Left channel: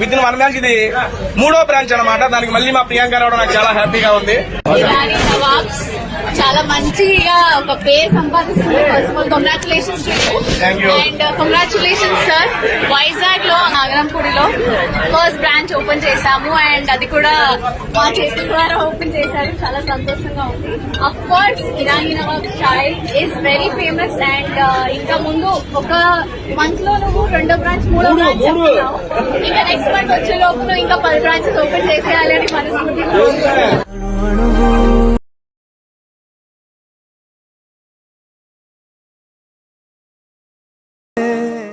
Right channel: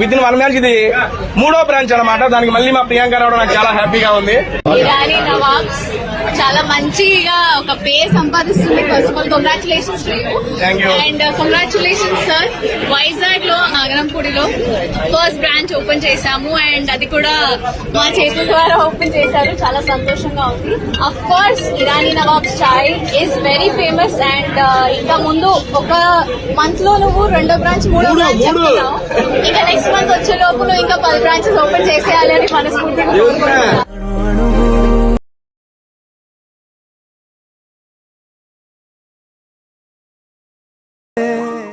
With in 1 month ఇది 3వ branch అనమాట. దానికి మళ్ళీ మా ప్రియాంక రావడం నాకు చాలా హ్యాపీగా ఉంది. ఇరానీ నవాబ్స్ చాలా మంచిగా ఒక పేరు సంపాదిస్తుంది. First of all congratulations and congratulations sir. Vizag లో నాగరంపూడిలో ఫస్ట్ బ్రాంచ్ ఓపెన్ చేశాము అండ్ అది కూడా మా చేతుల ద్వారా ఓపెన్ చేశారు. చాలా సంతోషంగా ఉంది. Of course Irani nawabs chai is very famous and ఇంకా ముందు ఒక మంత్ లో నువ్వు 2వ బ్రాంచ్ 3వ బ్రాంచ్ ఇంకా నెక్స్ట్ మంత్ వచ్చే లోపు ఇంకా 10 బ్రాంచెస్ ఓపెన్ చేసేయాలని మనస్ఫూర్తిగా